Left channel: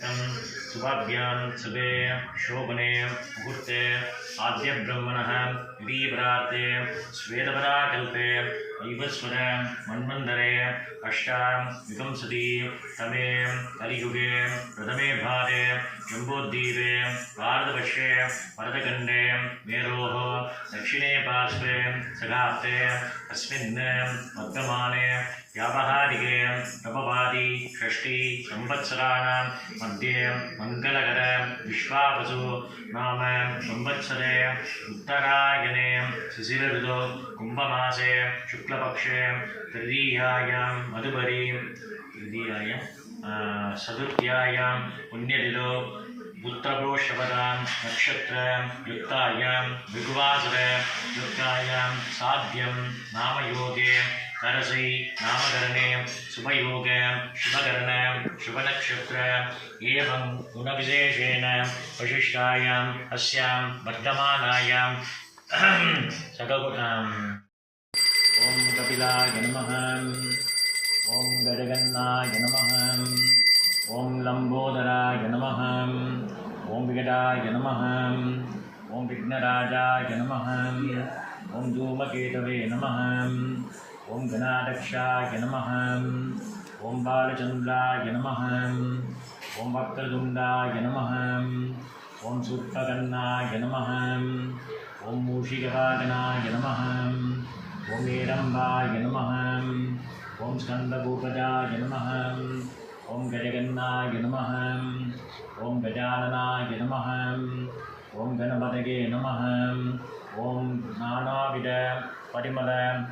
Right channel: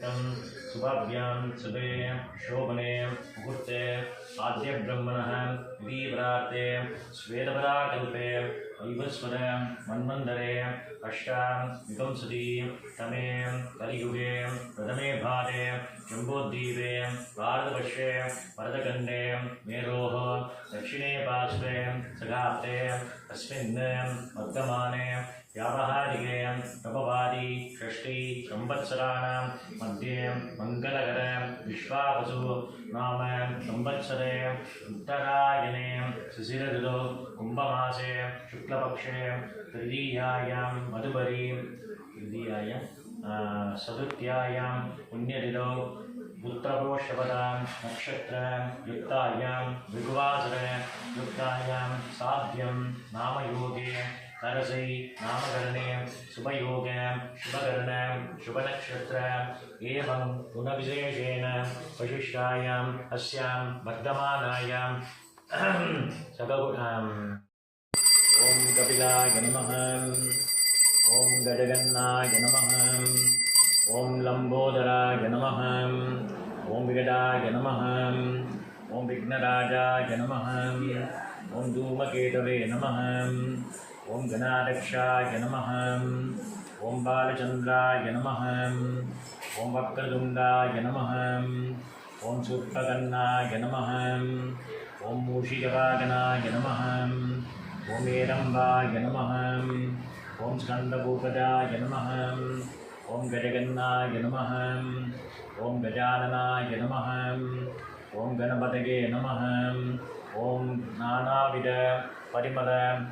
शुभाभ्यां शुभे शोभने मुहूर्ते आद्य ब्रह्मणः दीपराते श्वेतपराकल्पे वैवस्वत मन्वन्तरे अष्टाविंशति तमे कलियुगे प्रथमे भागे जम्बोद्वीपे भारतवर्षे भरतखण्डे मेरोः दक्षिणे पार्श्वे सगाप्ते अस्मिन् वर्तमाने व्यावहारिके नववादी षष्ठी संवत्सराणां मध्ये मंगलकर विश्वावसु नाम संवत्सरे उत्तरायणे शिशिर ऋतौ कुंभमासे शुक्लपक्षे तृतीयायां मधुबरी चतुर्थ्यायां पुण्यतिथौ उत्तरप्रोषपदां नक्षत्र युक्तायां विगुवासर युक्तायां साध्यं नामयोगे करसै नामकरणे शुभयोग शुभकरण शुभनक्षत्र एवं गुणविशेषेण वशिष्ठायाम् अस्यां वर्धमानायां ॐ कपिलाय नमः ॐ गजगन्नाय नमः ॐ लम्बोदराय नमः ॐ विकटाय नमः ॐ विघ्नराजाय नमः ॐ धूमकेतवे नमः ॐ गणाध्यक्षाय नमः ॐ बालचन्द्राय नमः ॐ वक्रतुण्डाय नमः ॐ सूर्पकर्णाय नमः ॐ मूषिकवाहनाय नमः ॐ एडम्बाय नमः ॐ स्कन्दभूपजाय नमः ॐ गजगन्नाय नमः ॐ गजाननाय नमः ॐ गणपतये नमः ॐ नानाविध परिमल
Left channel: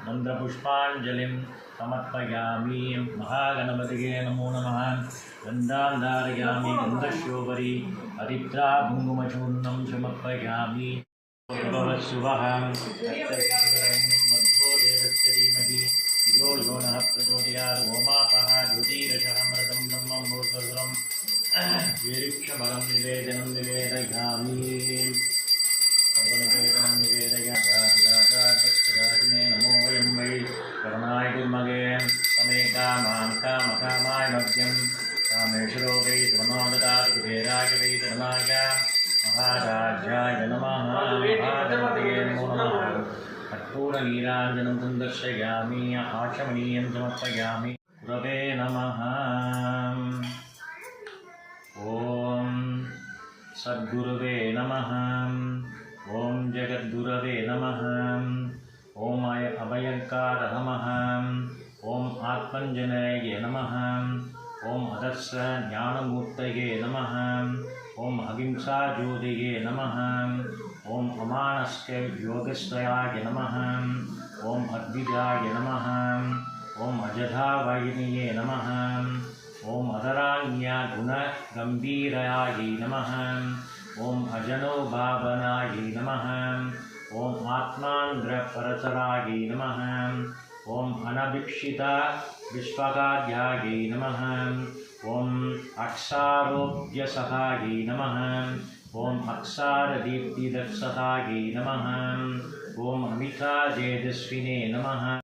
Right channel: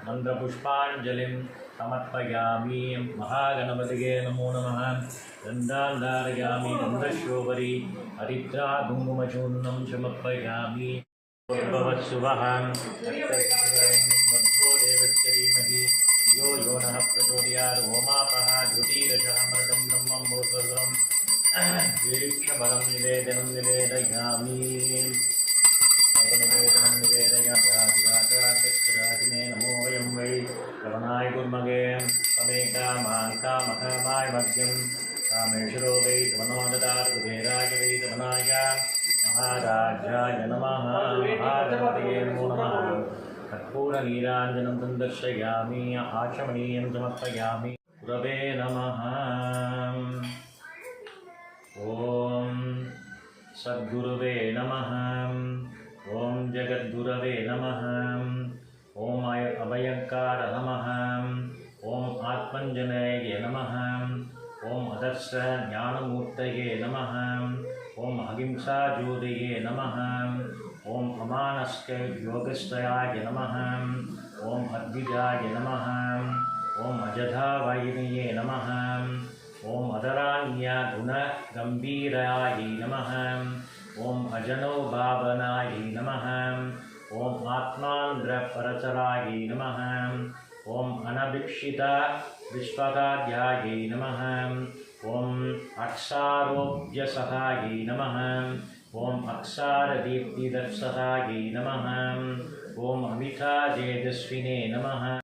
मन्त्रपुष्पाञ्जलिं समर्पयामि। महागणपतये नमो नमः। गन्धान् धारयामि गन्धशोभरि हरिद्रा कुङ्कुमचूर्णं समर्पयामि। शुभः मध्वो देवस्य धीमहि धियो यो नः प्रचोदयात्। ओमापः ज्योतिरसः मर्दं ब्रह्मं भूर्भुवः वीक्षफलं निवेदनं निवेदयामि। सर्वनिवेदनं निवेदयामि। नमो वयं वै करुणाय कुर्मगे तमे कामान् कामकामाय मध्यं कामेश्वरो वै सुमनो ददातु कुबेराय वै धनाय महाराजाय नमः। महागणपतये नमो नमः। कर्पूरनीराञ्जनं सन्दर्शयामि आचमनीयं समर्पयामि। गुरवे नमः। ॐ सद्गुरुवे नमः। ॐ जगद्गुरवे नमः। ॐ अभयङ्कार नमः। ॐ आत्मञ्जनये नमः। ॐ अदर्श ज्ञानमूर्तये नमः। ॐ अहिंसाज्योतये नमः। ॐ अमानस्क योगस्वयाय नमः। ॐ अद्विजाय नमः। ॐ अजधावाहिन्ये नमः। ॐ अधराण्यगुणगम्भीराय नमः। ॐ अजनोभावनाय नमः। ॐ आत्मान्द्रपरतराय नमः। ॐ अनभिक्षित विश्वकार्याय नमः। ॐ अक्षारोग्यसहाय नमः। ॐ अक्षारदीप्तिदक्षताय नमः। ॐ अमिताजेजस्विने नमः।